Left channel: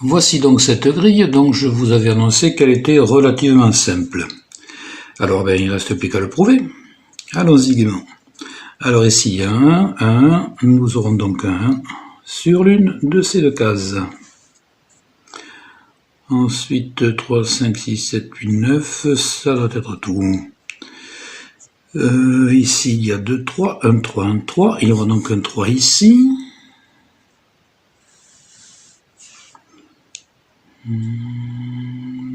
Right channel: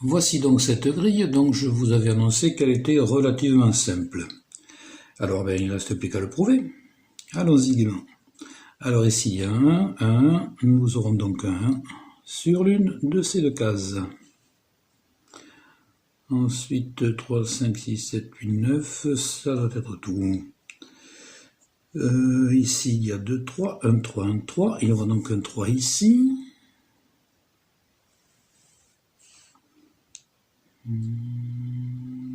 Voici donc cette grille dont je vous avais annoncé qu'elle était relativement simple. Alors il ne reste plus qu'à le prouver. Allons-y gaiement. Alors ici il y a un 1, nous aurons donc un 1 sur l'une de ces deux cases. Ensuite 3, 5, 6, 7, 8, 9, ça doit être tout. Ici il y a 2, 3, 1, 3, 1, 3, il y aura donc un 3 ici.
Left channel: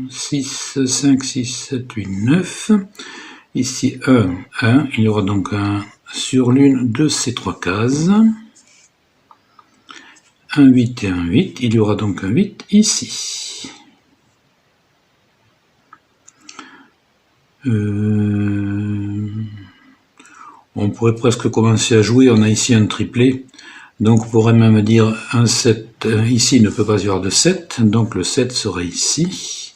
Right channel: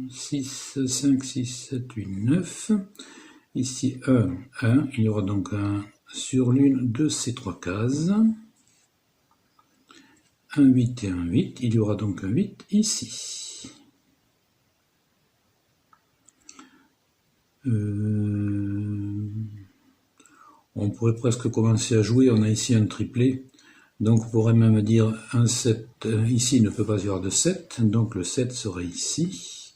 6, 5, 6, 7, 8, 9. Ici 1, 1, il y aura donc un sur l'une de ces trois cases. Un 8 et un 8, il y aura donc un 8 ici. On pourrait presque commencer à jouer, on a ici un triplet, donc on pourrait même dire un 7, ici il ne peut pas y avoir de 7, donc le 7 serait ici,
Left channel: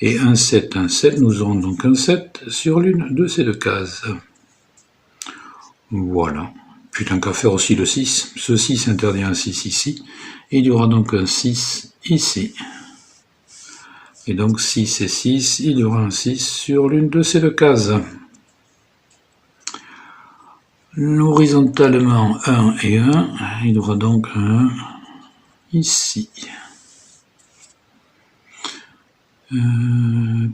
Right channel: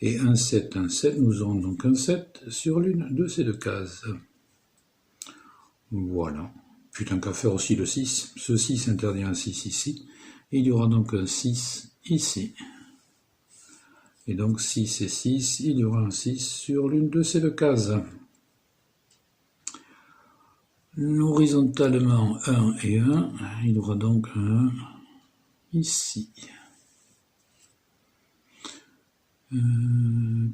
et un 7, nous aurons donc un 7 sur l'une de ces deux cases. Voilà, puis tant qu'à faire aussi le 6, ce 6 interdit un 6 ici, et il y aura donc un 6 ici. Et donc 6 et 6, il y aura un 6 sur l'une de ces deux cases. Horizontalement 1 et 1, il y aura donc un ici.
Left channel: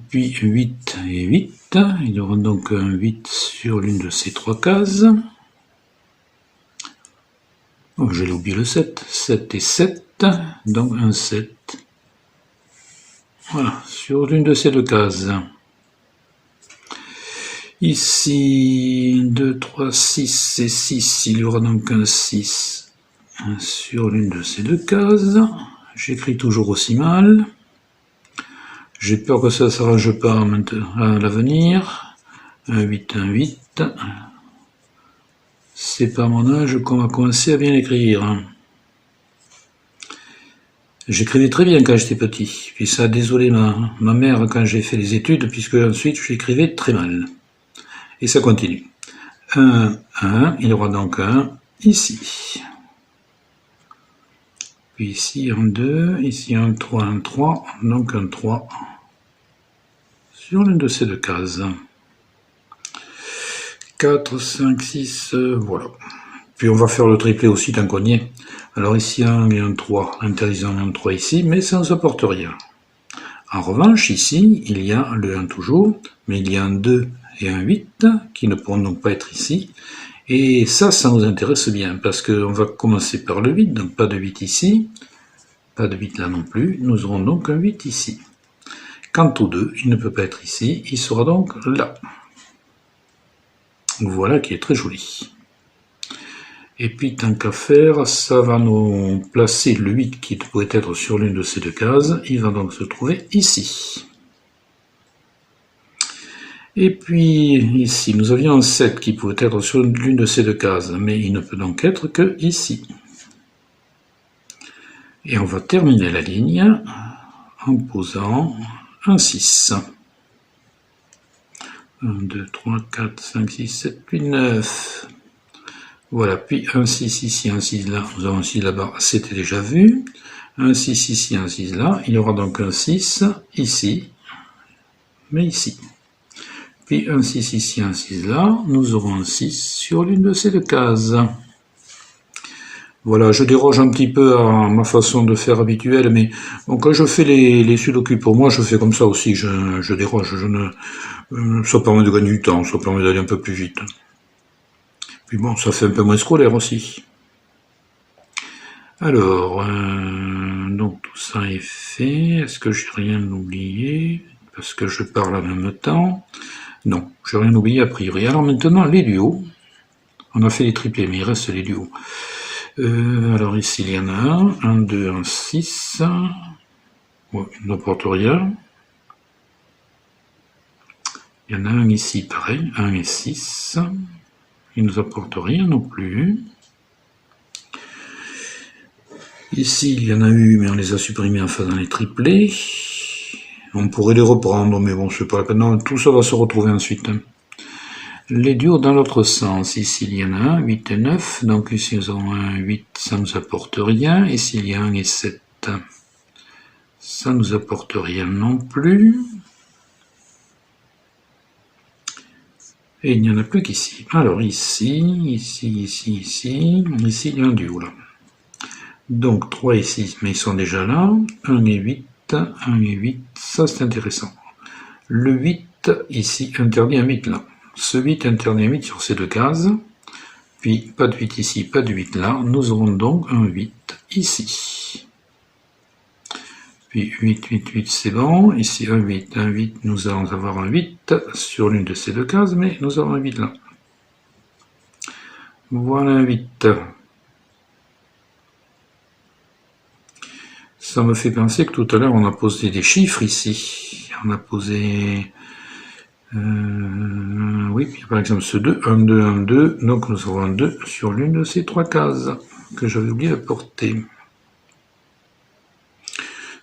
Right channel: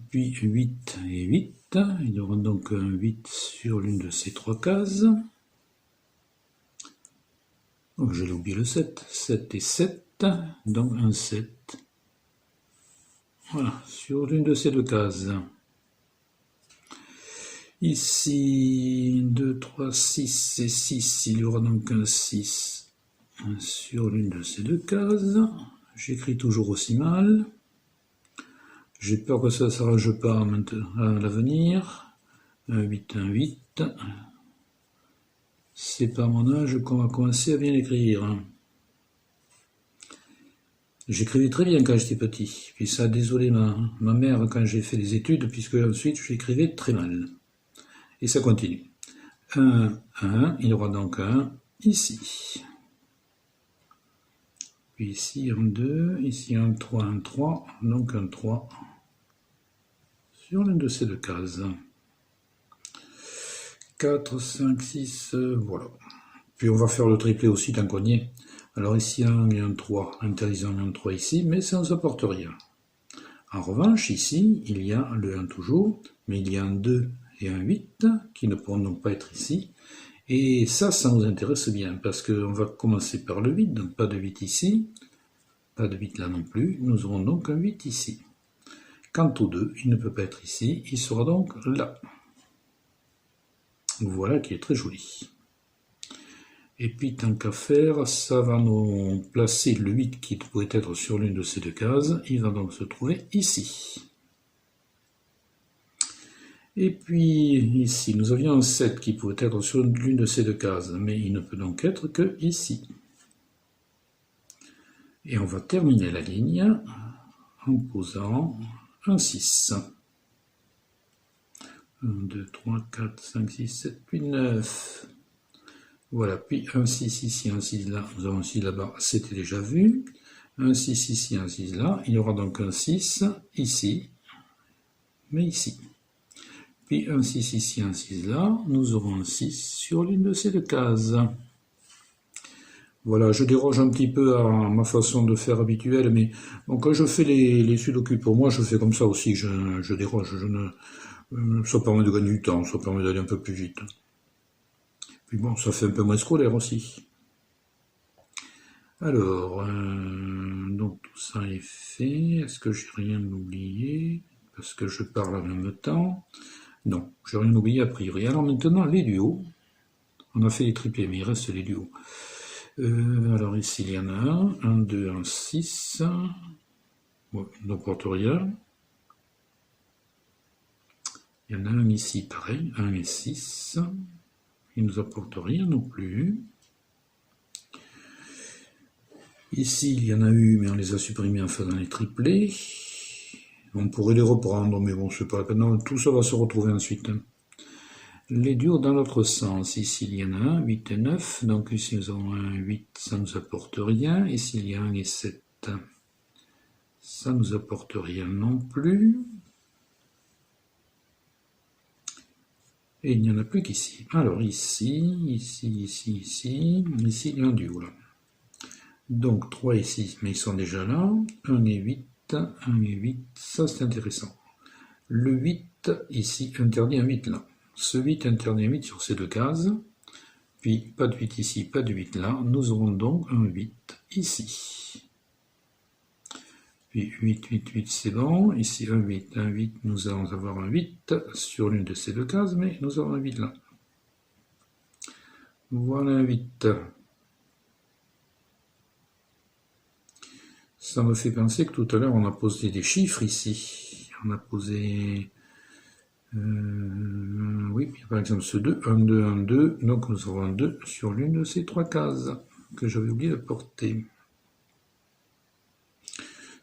Puis 8 et 8, il y aura donc un 8 sur l'une de ces trois cases. Oh, j'ai oublié le 7, 7 et 7, donc un 7. Voilà, sur l'une de ces deux cases. Ici, 2, 3, 6 et 6, il y aura donc un 6 sur l'une de ces deux cases. J'écris toujours aussi mal. J'ai peur que ça ne s'arrange pas à l'avenir. Un 8, un 8. C'est pas mon âge qu'on va commencer à bien écrire. J'écrivais très bien quand j'étais petit. Puis ça a désolé ma mère quand j'ai fait les études, puisque ensuite j'écrivais très mal. Et ça continue. 1, 1, il y aura donc un ici. Puis ici un 2, ici un 3, donc un 3 sur l'une de ces deux cases. 4, 5, 6, voilà. Puis on va faire le triplet aussi tant qu'on y est. Alors ici un et un 3, interdisant un 3 ici, mais ça ne s'apporte rien. En revanche, ici, il y a le 1 toujours, mais il y a un 2 et un 8 qui ne pourront donc pas être ici. Et ça nous intéresse bien, parce qu'on va commencer par le 8, donc pas de 8 ici, pas de 8 là non plus, nous aurons donc un 8 ici. Quant au 2, il ne peut pas être ici, il sera donc là. Voilà qui est très joli. Et puis tant qu'à faire, ça va nous placer le 8 qui pourrait être sur l'une de ces deux cases, il va donc se trouver ici. Et puis ici, nous avions un 7 qui pouvait être sur l'une de ces deux cases, mais il ne peut donc être que ici. Et on va terminer la ligne en posant un 6. 1, 2, 3, 4, 5, 6, 7, 8, 9. Voilà, puis un 6 ici, un 6 là, nous avons un 6 là-bas, c'était déjà vu. Un 6 ici, un 6 là, il y aura donc un 6 ici, mais ici. Puis un 6 ici, un 6 là, nous aurons un 6 sur l'une de ces deux cases. Voilà, je déroge un petit peu à ma façon de faire habituelle, mais bon, quand je fais les sudoku pour moi, je fais comme ça aussi, je déroge, ça permet de gagner du temps, ça permet d'aller un peu plus vite. Puis bon, ça fait un peu moins scolaire aussi. Alors, donc tout ça est fait. Est-ce que j'ai rien oublié? Parce que je parle en même temps. Non, j'ai rien oublié a priori. Alors maintenant, les duos. On a fait les triplés, mais il reste les duos. Alors ici, il y en a un. 1, 2, 1, 6. Ouais, il n'apporte rien. Il y en a un ici, pareil. 1 et 6. Il ne nous apporte rien non plus. Ici, il y en a eu, mais on les a supprimés en faisant les triplés. On pourrait les reprendre, mais bon, c'est pas la peine. Non, tout ça va se retrouver ensuite. Les duos dans l'autre sens. Ici, il y en a un, 8 et 9. Donc ici, nous avons un 8, ça ne nous apporte rien. Ici, il y a 1 et 7. Ça nous apporte rien non plus. Et il n'y en a plus qu'ici. Alors ici, ici, il y a un duo là. Donc 3 et 6, mais ils sont déjà là. 1 et 8, 1 et 8, ça c'est intéressant. Le 8 ici interdit un 8 là. Ce 8 interdit un 8 sur ces deux cases. Puis pas de 8 ici, pas de 8 là. Nous aurons donc un 8 ici. Puis 8, 8, 8, c'est bon. Ici un 8, nous allons avoir un 8 sur l'une de ces deux cases, mais nous avons un 8 là. Voilà un 8. Ça me fait penser que tout à l'heure on a posé des chiffres ici. On a posé... oui, par exemple ce 2, 1, 2, 1, 2. Donc nous avons un 2 sur l'une de ces trois cases que j'avais oublié de porter.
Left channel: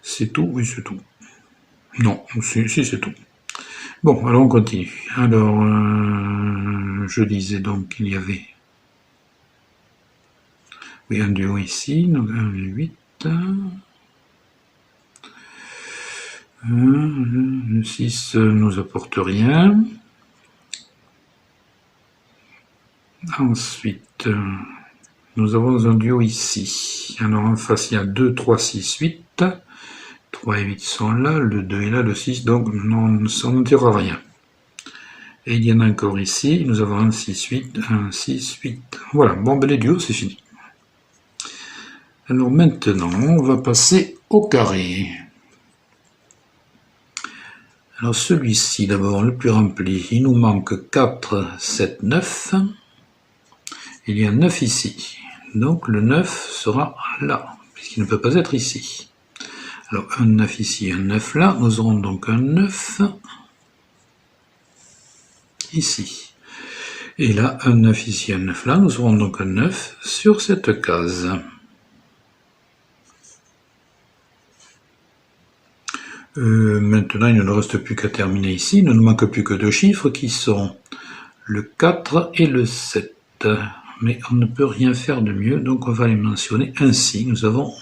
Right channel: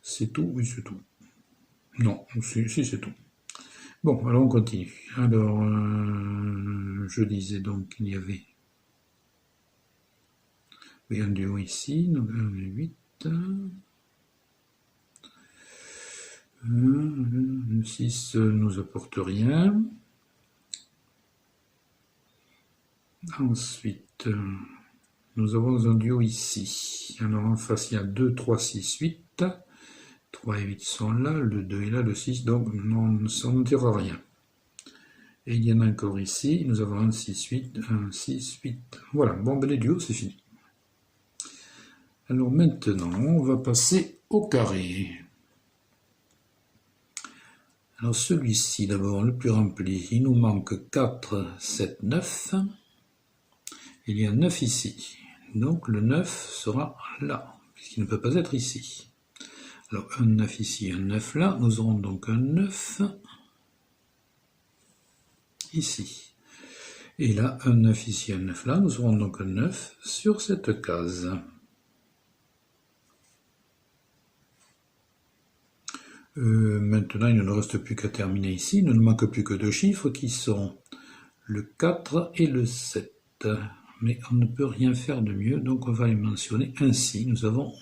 C'est tout? Oui, c'est tout. Non, si, c'est tout. Bon, alors on continue. Alors, je disais donc qu'il y avait... Oui, un duo ici, donc 1, 8... Le 6 nous apporte rien. Ensuite, nous avons un duo ici. Alors en face, il y a 2, 3, 6, 8. 3 et 8 sont là, le 2 est là, le 6, donc non, ça ne dira rien. Et il y en a encore ici, nous avons un 6, 8, un 6, 8. Voilà, bon, ben les duos, c'est fini. Alors maintenant, on va passer au carré. Alors celui-ci, d'abord, le plus rempli, il nous manque 4, 7, 9. Il y a 9 ici. Donc le 9 sera là, puisqu'il ne peut pas être ici. Alors un 9 ici, un 9 là. Nous aurons donc un 9 ici. Et là, un 9 ici, un 9 là. Nous aurons donc un 9 sur cette case. Maintenant, il ne nous reste plus qu'à terminer ici. Il ne nous manque plus que deux chiffres qui sont le 4 et le 7. Mais on ne peut rien faire de mieux, donc on va les mentionner ainsi. Nous avons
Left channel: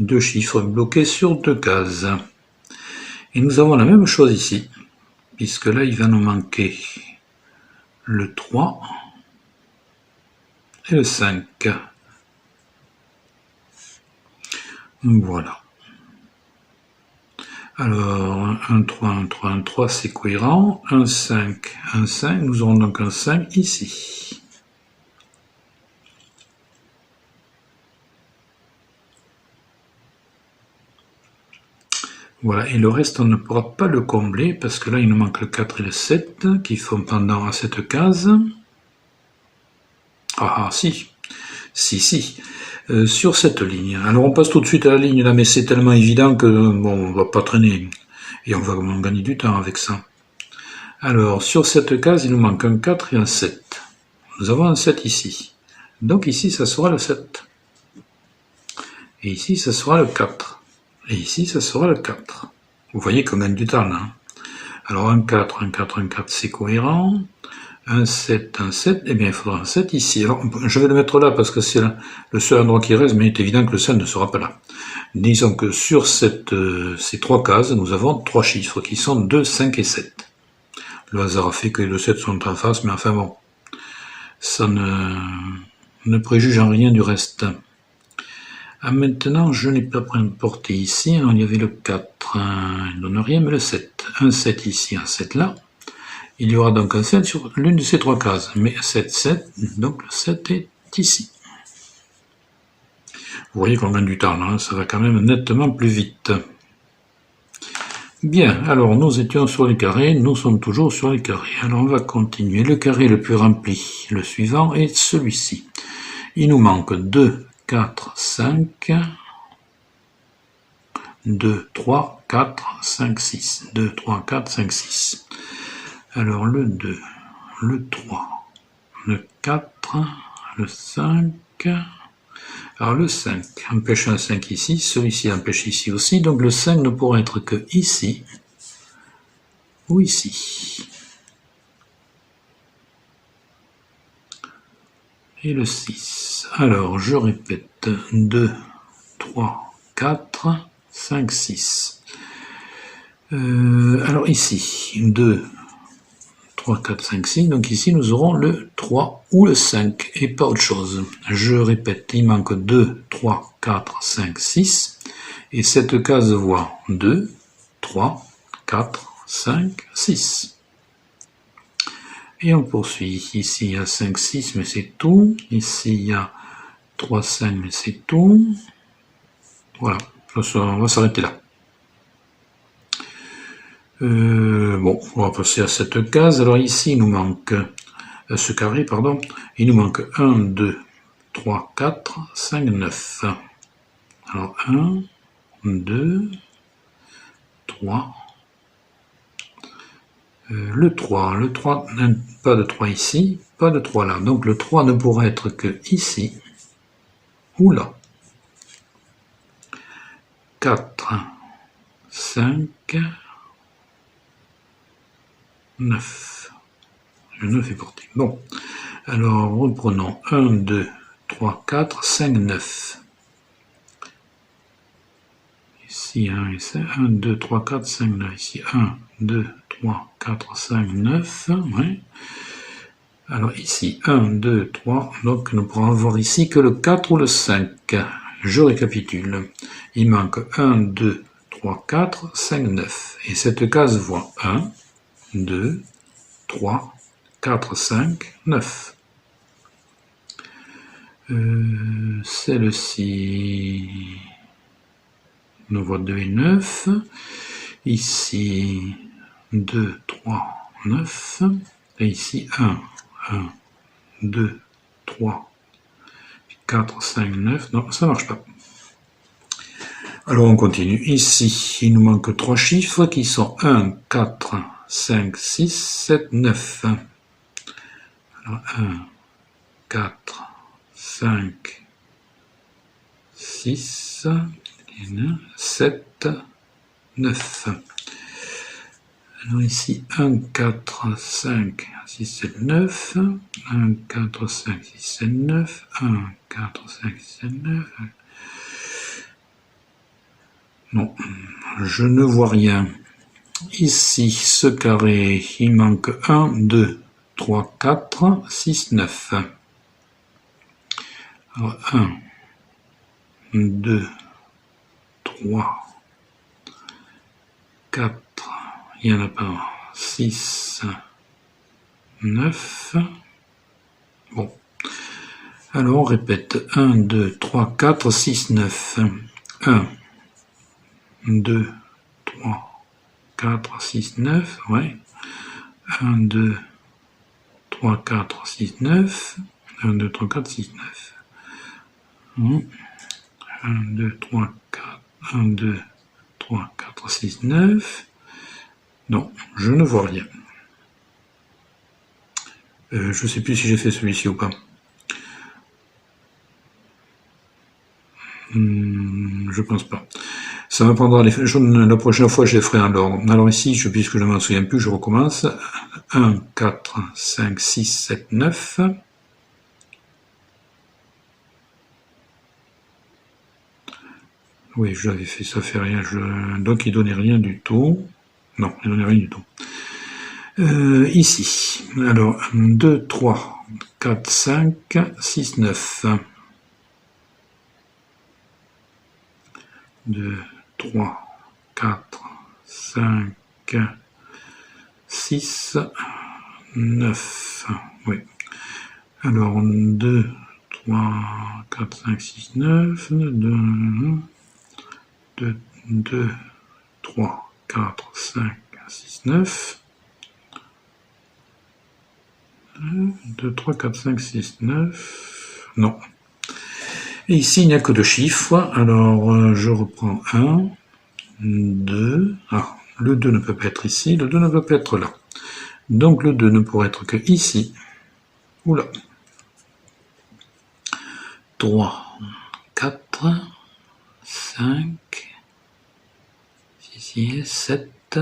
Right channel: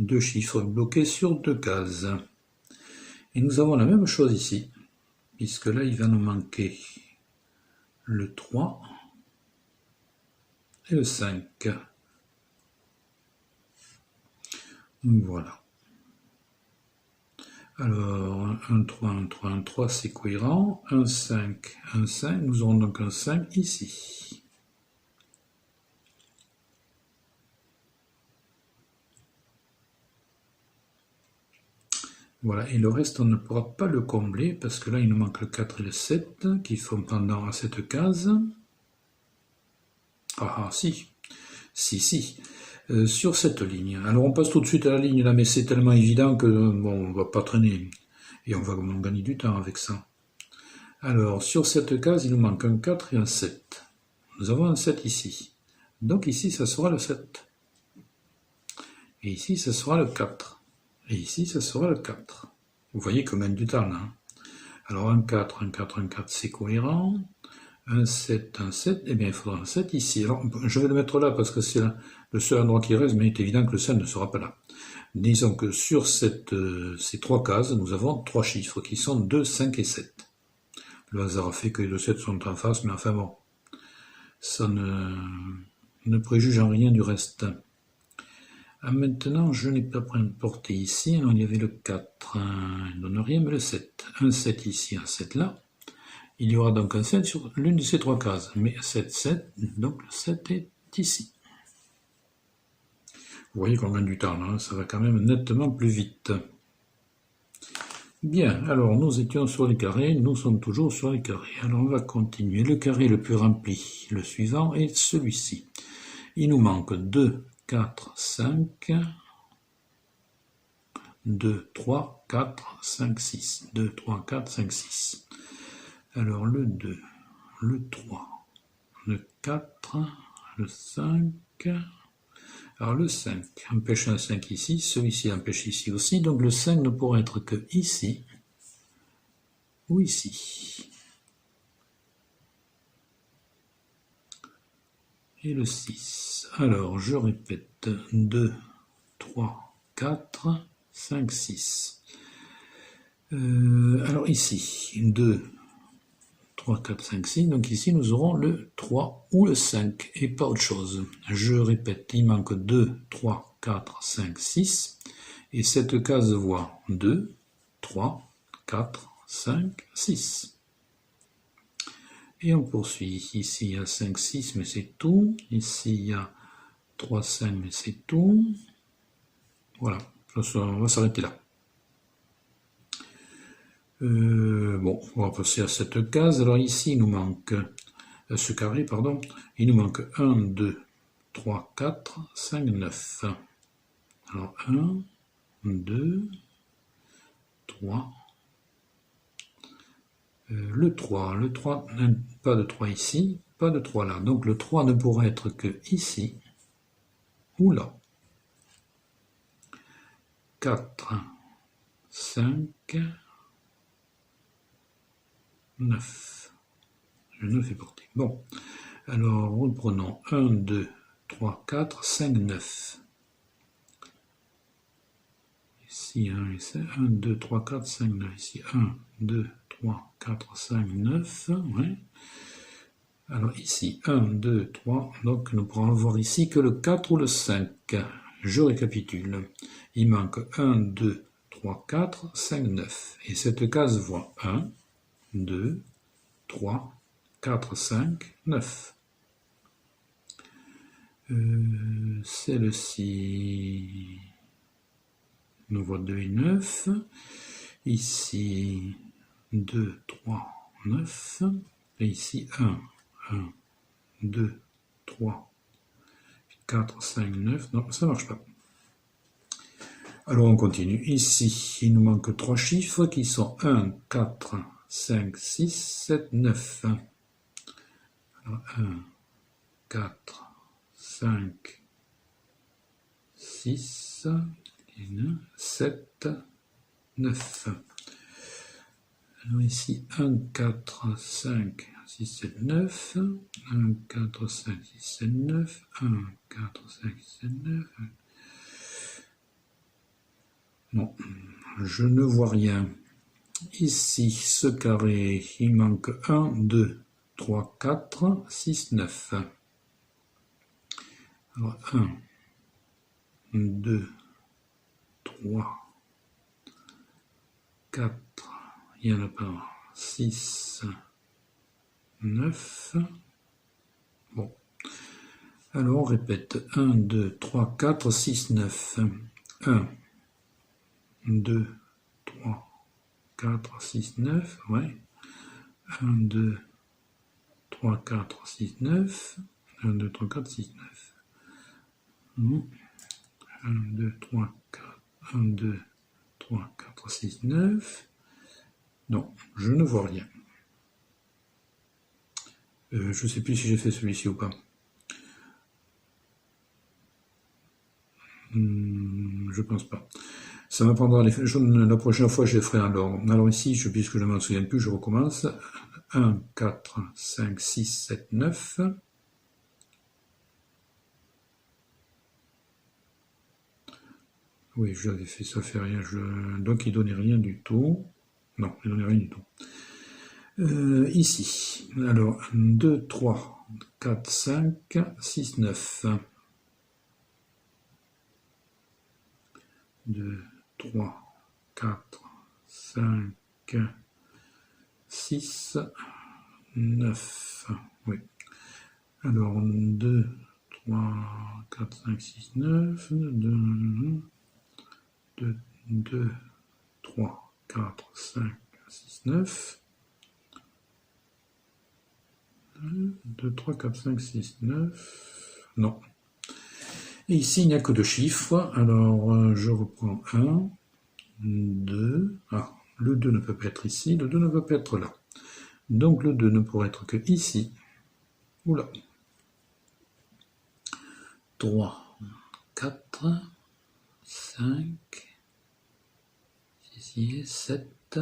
deux chiffres bloqués sur deux cases. Et nous avons la même chose ici, puisque là, il va nous manquer le 3 et le 5. Voilà. Alors, 1, 3, 1, 3, 1, 3, c'est cohérent. 1, 5, 1, 5. Nous aurons donc un 5 ici. Voilà, et le reste, on ne pourra pas le combler, parce que là, il nous manque le 4 et le 7, qui font pendant à cette case. Ah, si. Si. Sur cette ligne. Alors, on passe tout de suite à la ligne, là, mais c'est tellement évident que, bon, on va pas traîner. Et on va gagner du temps avec ça. Alors, sur cette case, il nous manque un 4 et un 7. Nous avons un 7 ici. Donc ici, ça sera le 7. Et ici, ça sera le 4. Et ici, ça sera le 4. Vous voyez qu'on gagne du temps, là. Alors, un 4, un 4, un 4, c'est cohérent. Un 7, eh bien, il faudra un 7 ici. Alors, je vais le mettre là parce que c'est le seul endroit qui reste, mais il est évident que le 7 ne sera pas là. Disons que sur ces trois cases, nous avons trois chiffres qui sont 2, 5 et 7. Le hasard a fait que les deux 7 sont en face, mais enfin bon, ça ne préjuge en rien du reste. Maintenant, je n'ai pas porté ici, alors il y avait le 4, il ne donne rien, mais le 7. Un 7 ici, un 7 là. Il y aura donc un 7 sur l'une de ces trois cases, mais 7, 7, donc le 7 est ici. Vous voyez qu'on gagne du temps, là, ça va quand même nettement plus vite. Bien, alors nous étions sur les carrés, nous sommes toujours sur les carrés. Alors on va continuer. Le carré le plus rempli, le suivant, est celui-ci. Il nous manque 2, 4, 5, 2, 3, 4, 5, 6. 2, 3, 4, 5, 6. Alors le 2, le 3, le 4, le 5. Alors le 5 empêche un 5 ici, celui-ci empêche ici aussi, donc le 5 ne pourra être que ici ou ici. Et le 6. Alors je répète, 2, 3, 4, 5, 6. Alors ici, 2, 3, 4, 5, 6. Donc ici, nous aurons le 3 ou le 5 et pas autre chose. Je répète, il manque 2, 3, 4, 5, 6. Et cette case voit 2, 3, 4, 5, 6. Et on poursuit. Ici, il y a 5, 6, mais c'est tout. Ici, il y a 3, 5, mais c'est tout. Voilà, on va s'arrêter là. Bon, on va passer à cette case. Alors ici, il nous manque ce carré, pardon. Il nous manque 1, 2, 3, 4, 5, 9. Alors 1, 2, 3. Le 3, pas de 3 ici, pas de 3 là. Donc le 3 ne pourra être que ici ou là. 4, 5, 9. Le 9 est porté. Bon, alors reprenons 1, 2, 3, 4, 5, 9. Ici 1 et 5, 1, 2, 3, 4, 5, 9. Ici 1, 2, 3, 4, 5, 9. Ouais. Alors ici 1, 2, 3. Donc nous pourrons avoir ici que le 4 ou le 5. Je récapitule. Il manque 1, 2, 3, 4, 5, 9. Et cette case voit 1, 2, 3, 4, 5, 9. Celle-ci nous voit 2 et 9. Ici 2, 3, 9. Et ici 1, 1, 2, 3, 4, 5, 9. Non, ça ne marche pas. Alors on continue. Ici, il nous manque 3 chiffres qui sont 1, 4, 5, 6, 7, 9. Alors 1, 4, 5, 6, 7, 9. Alors ici 1, 4, 5, 6, 7, 9. 1, 4, 5, 6, 7, 9. 1, 4, 5, 6, 7, 9. Non, je ne vois rien. Ici, ce carré, il manque 1, 2, 3, 4, 6, 9. Alors 1, 2, 3, 4, il n'y en a pas, 6, 9. Bon. Alors on répète 1, 2, 3, 4, 6, 9. 1, 2, 3, 4, 6, 9. Ouais. 1, 2, 3, 4, 6, 9. 1, 2, 3, 4, 6, 9. 1, 2, 3, 4. 1, 2, 3, 4, 6, 9. Non, je ne vois rien. Je ne sais plus si j'ai fait celui-ci ou pas. Je pense pas. Ça me prendra la prochaine fois, je les ferai en ordre. Alors ici, puisque je ne m'en souviens plus, je recommence. 1, 4, 5, 6, 7, 9. Oui, je l'avais fait, ça fait rien. Donc il donnait rien du tout. Non, il donnait rien du tout. Ici, alors 2, 3, 4, 5, 6, 9. 2, 3, 4, 5, 6, 9. Oui. Alors 2, 3, 4, 5, 6, 9. 2, 3, 4, 5, 6, 9. 2, 3, 4, 5, 6, 9. Non. Et ici, il n'y a que 2 chiffres. Alors, je reprends 1, 2. Ah, le 2 ne peut pas être ici, le 2 ne peut pas être là. Donc, le 2 ne pourrait être que ici ou là. 3, 4, 5, 6, 7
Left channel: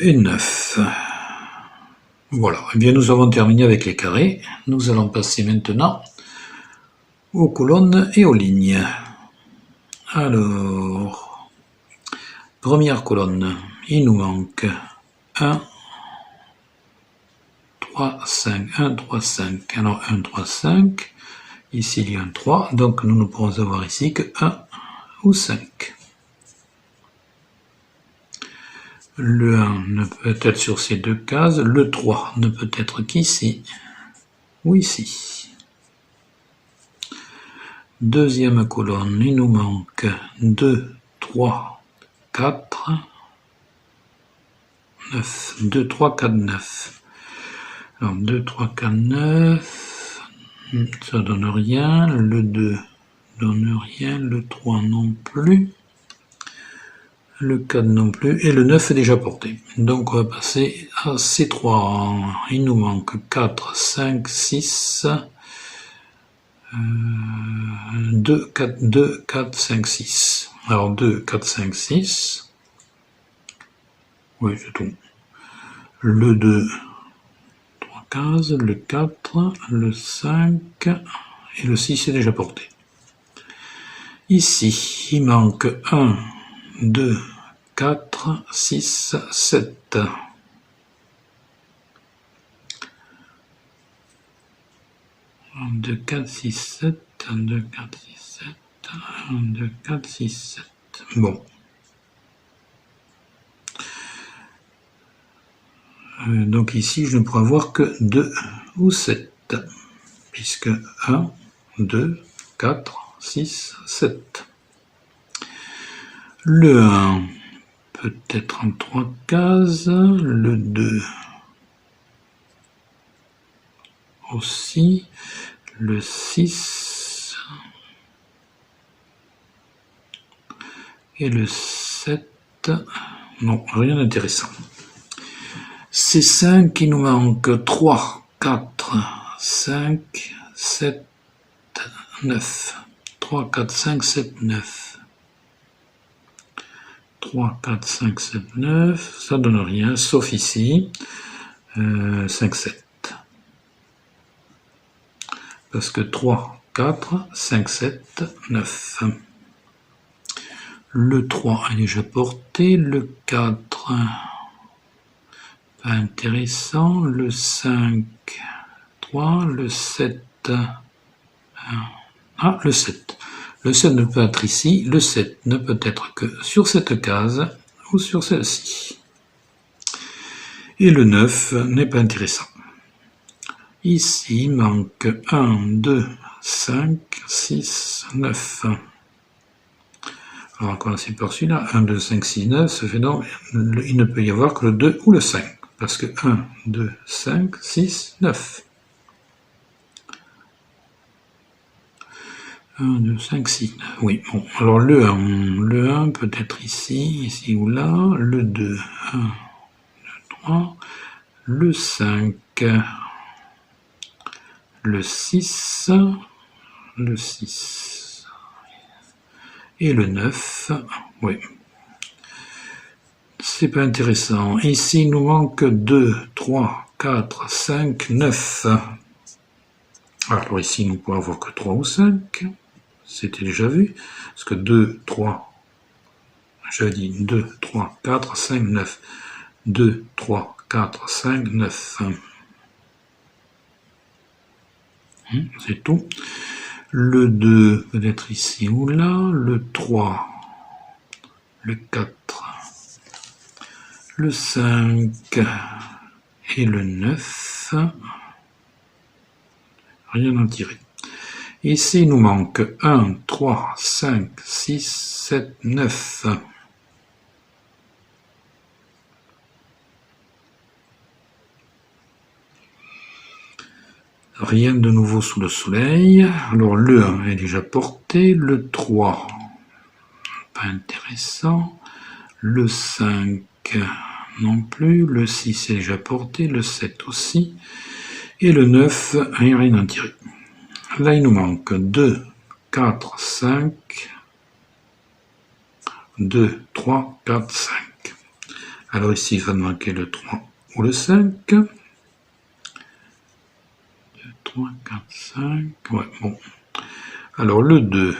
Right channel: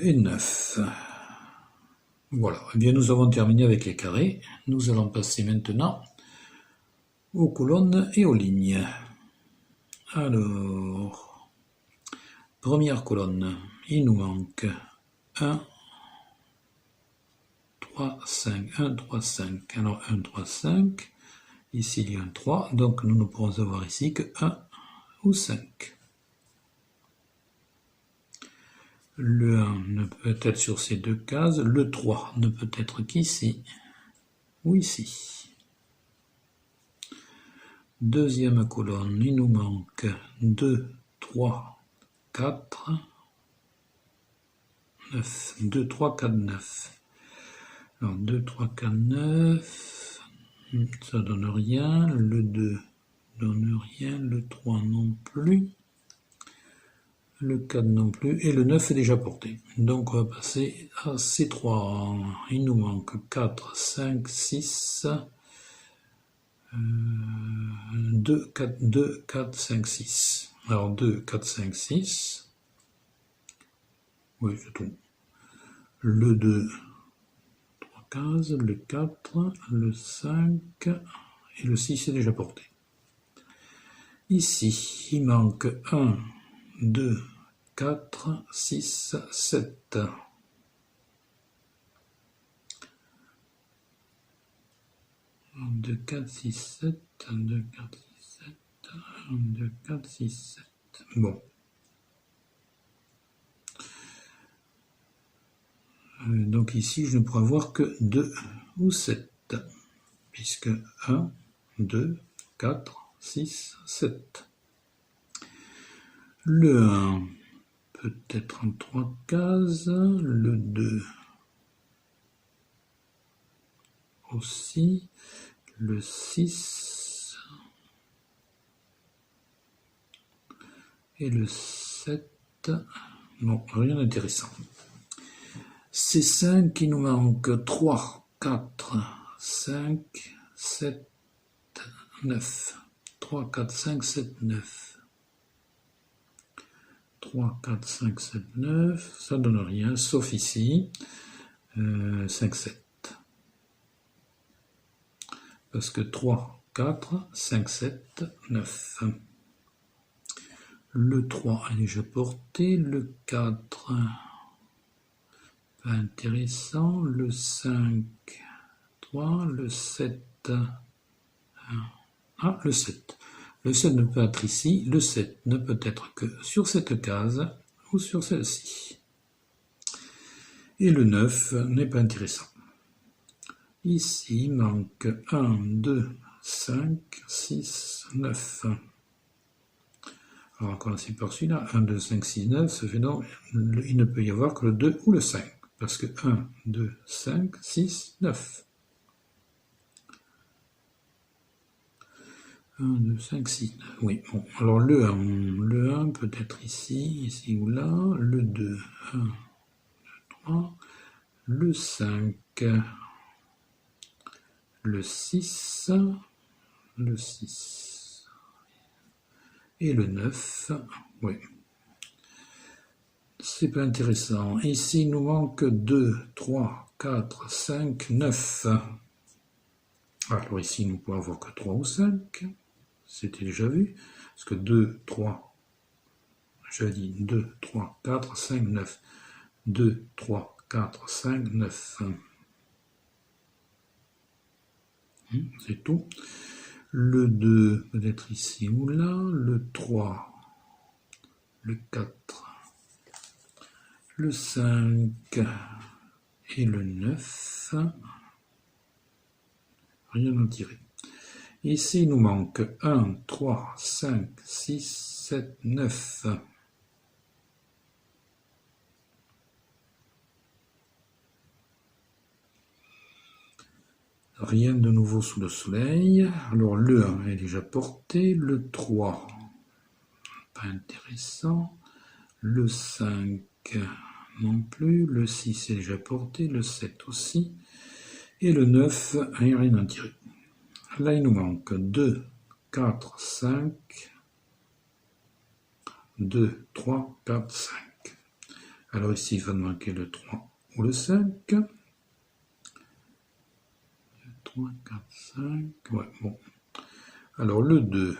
et 9. Voilà, eh bien nous avons terminé avec les carrés. Nous allons passer maintenant aux colonnes et aux lignes. Alors, première colonne, il nous manque 1, 3, 5, 1, 3, 5. Alors 1, 3, 5. Ici il y a un 3, donc nous ne pourrons avoir ici que 1 ou 5. Le 1 ne peut être sur ces deux cases, le 3 ne peut être qu'ici ou ici. Deuxième colonne, il nous manque 2, 3, 4, 9. 2, 3, 4, 9. Alors 2, 3, 4, 9, ça donne rien. Le 2 donne rien, le 3 non plus. Le 4 non plus, et le 9 est déjà porté. Donc on va passer à C3. Il nous manque 4, 5, 6, 2, 4, 2, 4, 5, 6. Alors 2, 4, 5, 6. Oui, c'est tout. Le 2, 3 cases, le 4, le 5, et le 6 est déjà porté. Ici, il manque 1, 2, 4, 6, 7. 1, 2, 4, 6, 7, 1, 2, 4, 6, 7, 1, 2, 4, 6, 7. Bon. Donc ici, je ne pourrai avoir que 2 ou 7, puisque 1, 2, 4, 6, 7. Le 1 peut être en 3 cases, le 2 aussi, le 6 et le 7, non, rien d'intéressant. C5, il nous manque 3, 4, 5, 7, 9. 3, 4, 5, 7, 9. 3, 4, 5, 7, 9. Ça donne rien, sauf ici. 5, 7. Parce que 3, 4, 5, 7, 9. Le 3 est déjà porté. Le 4... pas intéressant, le 5, 3, le 7, 1. Le 7. Le 7 ne peut être ici, le 7 ne peut être que sur cette case ou sur celle-ci. Et le 9 n'est pas intéressant. Ici, il manque 1, 2, 5, 6, 9. Alors, on va commencer par celui-là. 1, 2, 5, 6, 9, ça fait donc, il ne peut y avoir que le 2 ou le 5. Parce que 1, 2, 5, 6, 9. 1, 2, 5, 6, 9. Oui, bon. Alors le 1 peut être ici ou là. Le 2, 1, 2, 3. Le 5, le 6, le 6. Et le 9, oui. C'est pas intéressant. Ici, il nous manque 2, 3, 4, 5, 9. Alors ici, nous ne pouvons avoir que 3 ou 5. C'était déjà vu. Parce que 2, 3, j'avais dit 2, 3, 4, 5, 9. 2, 3, 4, 5, 9. C'est tout. Le 2 peut être ici ou là. Le 3, le 4, le 5 et le 9. Rien à tirer. Ici, il nous manque 1, 3, 5, 6, 7, 9. Rien de nouveau sous le soleil. Alors le 1 est déjà porté. Le 3, pas intéressant. Le 5 non plus. Le 6 est déjà porté. Le 7 aussi. Et le 9, rien à tirer. Là, il nous manque 2, 4, 5, 2, 3, 4, 5. Alors ici, il va nous manquer le 3 ou le 5. 2, 3, 4, 5. Ouais, bon. Alors le 2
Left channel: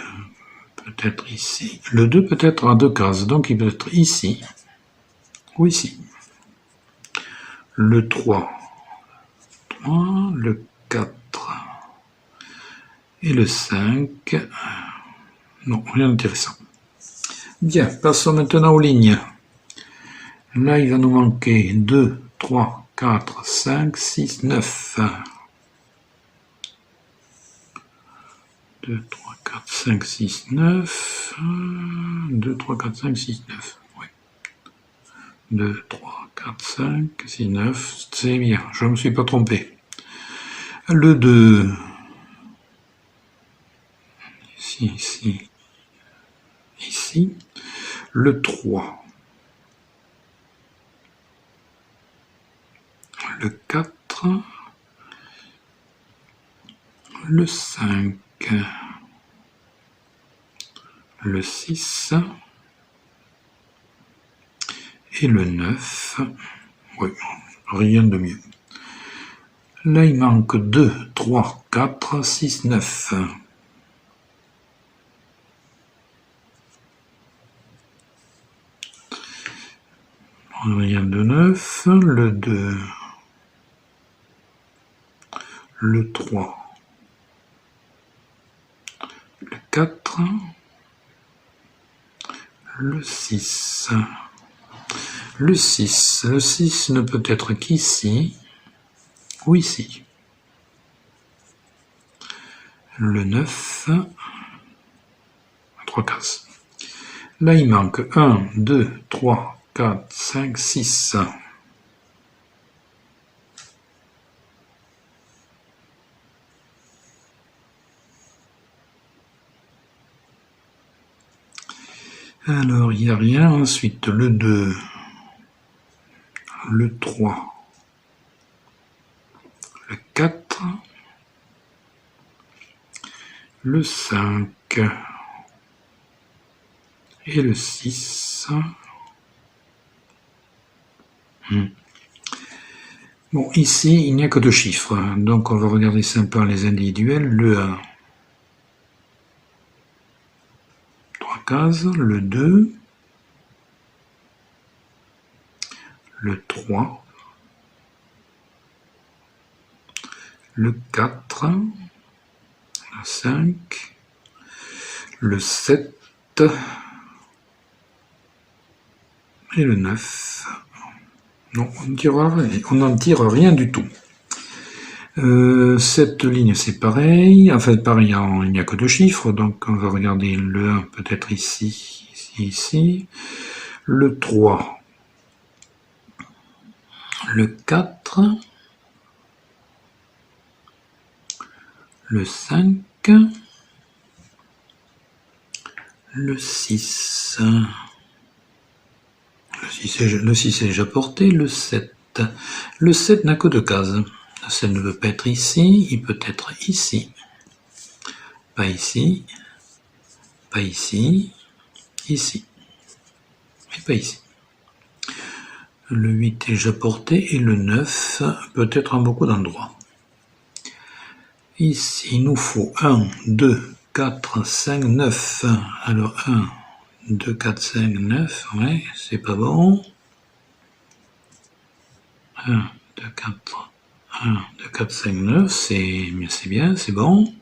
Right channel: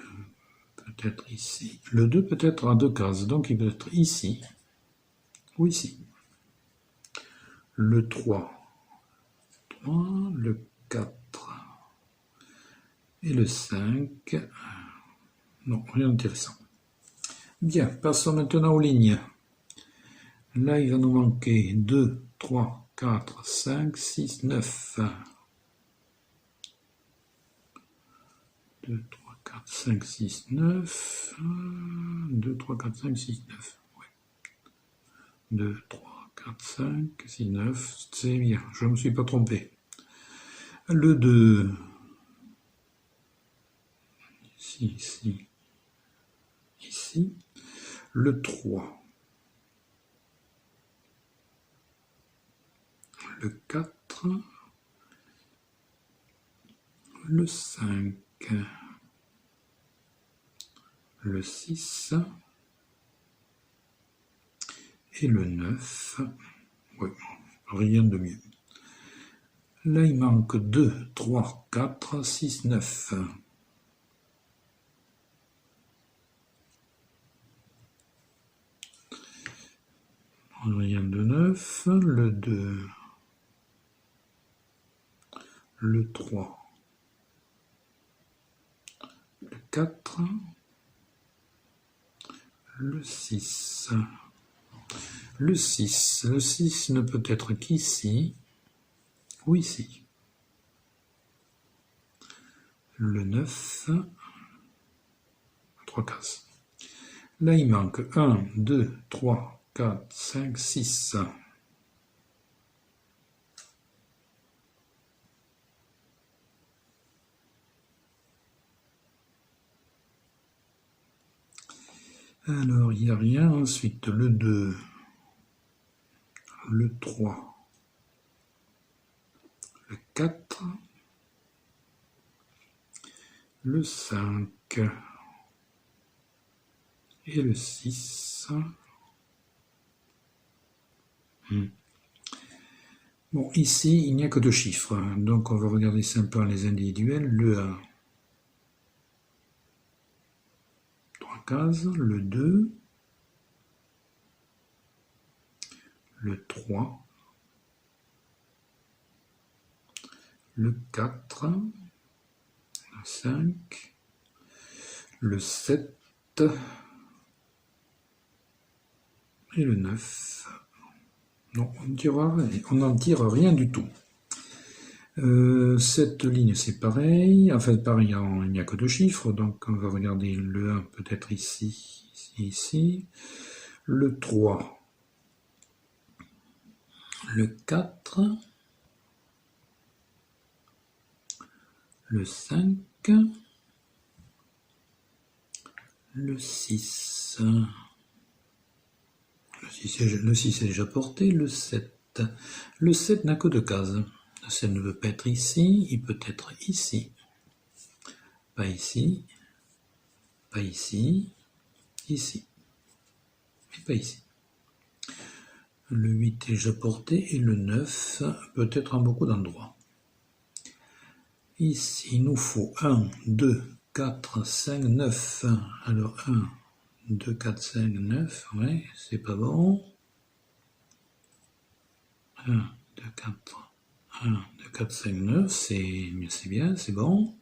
peut peut être ici. Le 2 peut être à 2 cases, donc il peut être ici ou ici. Le 3, le 4 et le 5. Non, rien d'intéressant. Bien, passons maintenant aux lignes. Là, il va nous manquer 2, 3, 4, 5, 6, 9. 2, 3, 4, 5, 6, 9. 2, 3, 4, 5, 6, 9. Oui. 2, 3, 4, 5, 6, 9. C'est bien, je ne me suis pas trompé. Le 2. Ici, ici. Ici. Le 3. Le 4. Le 5. Le 6 et le 9. Oui, rien de mieux. Là, il manque 2, 3, 4, 6, 9. Rien de 9. Le 2. Le 3. Le 4. Le 6. Le 6. Le 6 ne peut être qu'ici ou ici. Le 9. 3 cases. Là, il manque 1, 2, 3, 4, 5, 6. Alors, il n'y a rien. Ensuite, le 2, le 3, le 4, le 5 et le 6. Bon, ici, il n'y a que 2 chiffres. Donc, on va regarder simplement les individuels. Le 1, 3 cases. Le 2, le 3, le 4, le 5, le 7 et le 9. Non, on n'en tire rien du tout. Cette ligne, c'est pareil. Enfin, pareil, il n'y a que 2 chiffres. Donc, on va regarder le 1 peut-être ici, ici, ici. Le 3. Le 4. Le 5. Le 6. Le 6 est déjà porté. Le 7. Le 7 n'a que 2 cases. Le 7 ne peut pas être ici. Il peut être ici. Pas ici. Pas ici. Ici. Et pas ici. Le 8 est déjà porté. Et le 9 peut être en beaucoup d'endroits. Ici, il nous faut 1, 2, 4, 5, 9. Alors 1, 2, 4, 5, 9. Ouais, c'est pas bon. 1, 2, 4, 1, 2, 4, 5, 9. C'est bien, c'est bon.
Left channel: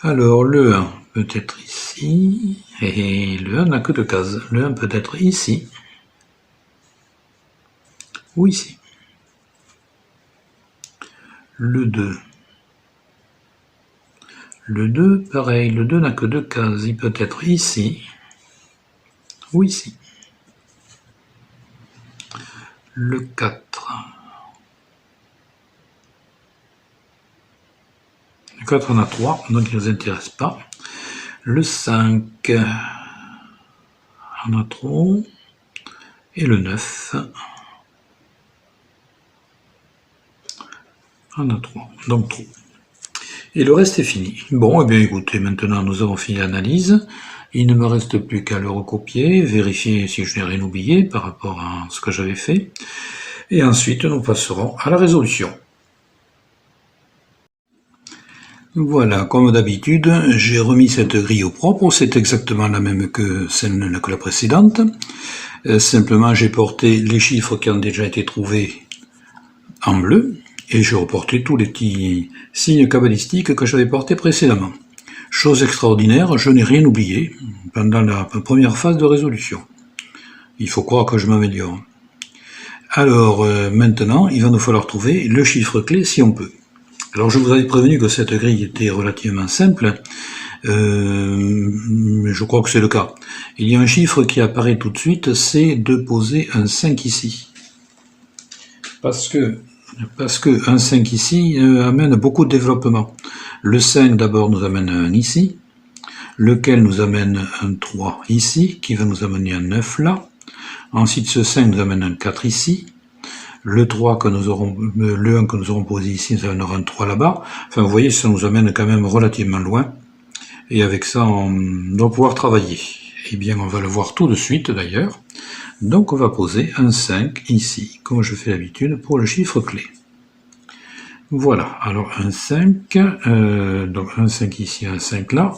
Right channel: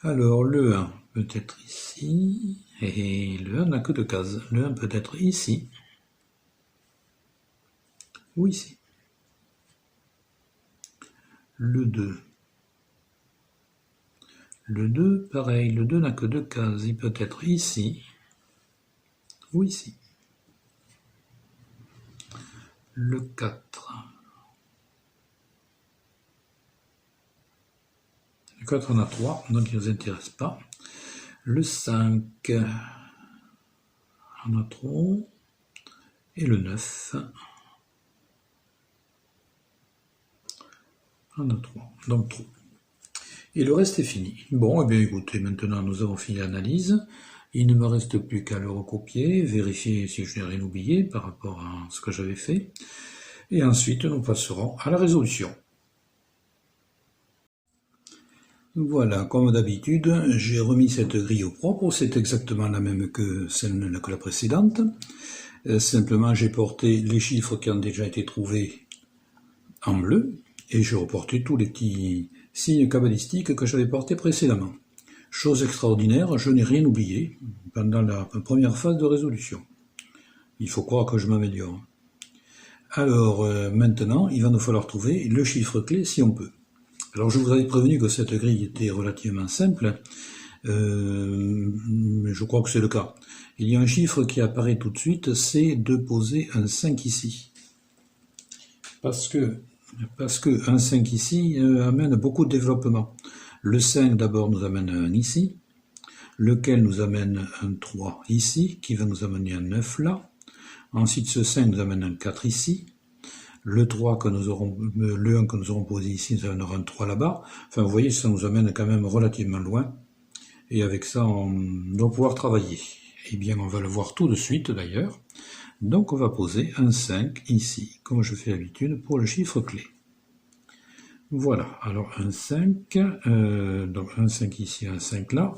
Alors le 1 peut être ici. Et le 1 n'a que 2 cases. Le 1 peut être ici. Ou ici. Le 2. Le 2, pareil, le 2 n'a que 2 cases, il peut être ici ou ici. Le 4. Le 4 en a 3, donc il ne nous intéresse pas. Le 5 en a trop. Et le 9 en a 3, donc trop. Et le reste est fini. Bon, eh bien écoutez, maintenant nous avons fini l'analyse. Il ne me reste plus qu'à le recopier, vérifier si je n'ai rien oublié par rapport à ce que j'avais fait. Et ensuite, nous passerons à la résolution. Voilà, comme d'habitude, j'ai remis cette grille au propre, c'est exactement la même que celle que la précédente. Simplement, j'ai porté les chiffres qui ont déjà été trouvés en bleu, et j'ai reporté tous les petits signes cabalistiques que j'avais portés précédemment. Chose extraordinaire, je n'ai rien oublié pendant la première phase de résolution. Il faut croire que je m'améliore. Alors, maintenant, il va nous falloir trouver le chiffre clé si on peut. Alors, je vous avais prévenu que cette grille était relativement simple, mais je crois que c'est le cas. Il y a un chiffre qui apparaît tout de suite, c'est de poser un 5 ici. Parce que un 5 ici amène beaucoup de développement. Le 5 d'abord nous amène un 1 ici, lequel nous amène un 3 ici, qui va nous amener un 9 là. Ensuite ce 5 nous amène un 4 ici. Le 3 que nous aurons, le 1 que nous aurons posé ici nous amènera un 3 là-bas. Enfin vous voyez, ça nous amène quand même relativement loin. Et avec ça on doit pouvoir travailler. Eh bien on va le voir tout de suite d'ailleurs. Donc on va poser un 5 ici, comme je fais d'habitude pour le chiffre clé. Voilà, alors un 5, donc un 5 ici, un 5 là.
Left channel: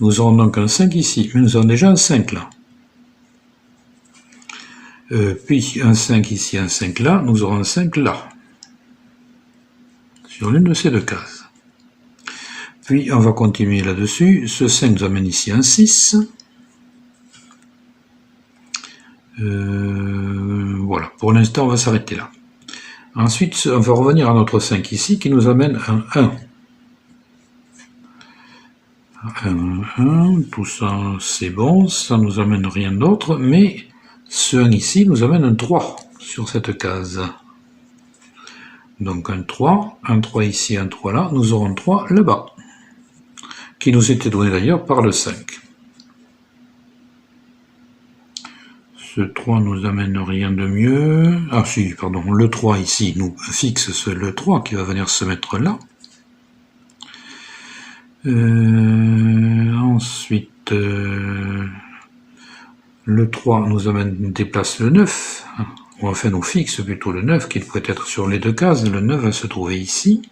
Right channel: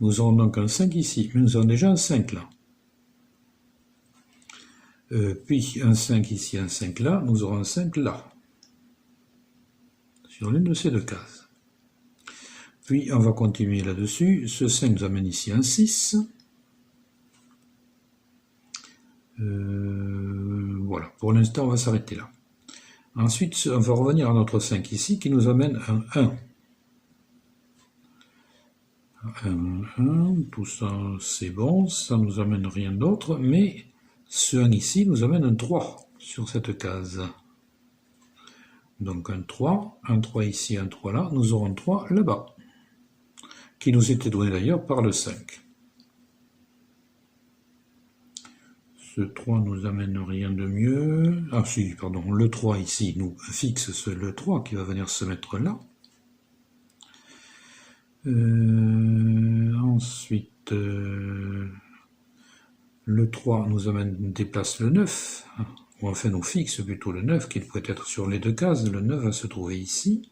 Nous aurons donc un 5 ici, mais nous avons déjà un 5 là. Puis un 5 ici, un 5 là, nous aurons un 5 là. Sur l'une de ces deux cases. Puis on va continuer là-dessus. Ce 5 nous amène ici un 6. Voilà, pour l'instant on va s'arrêter là. Ensuite, on va revenir à notre 5 ici qui nous amène un 1. 1, tout ça c'est bon, ça ne nous amène rien d'autre, mais ce 1 ici nous amène un 3 sur cette case. Donc un 3 ici, un 3 là, nous aurons 3 là-bas, qui nous était donné d'ailleurs par le 5. Ce 3 nous amène rien de mieux. Ah si, pardon, le 3 ici nous fixe le 3 qui va venir se mettre là. Ensuite, le 3 nous déplace le 9, ou enfin nous fixe plutôt le 9, qui pourrait être sur les deux cases. Le 9 va se trouver ici.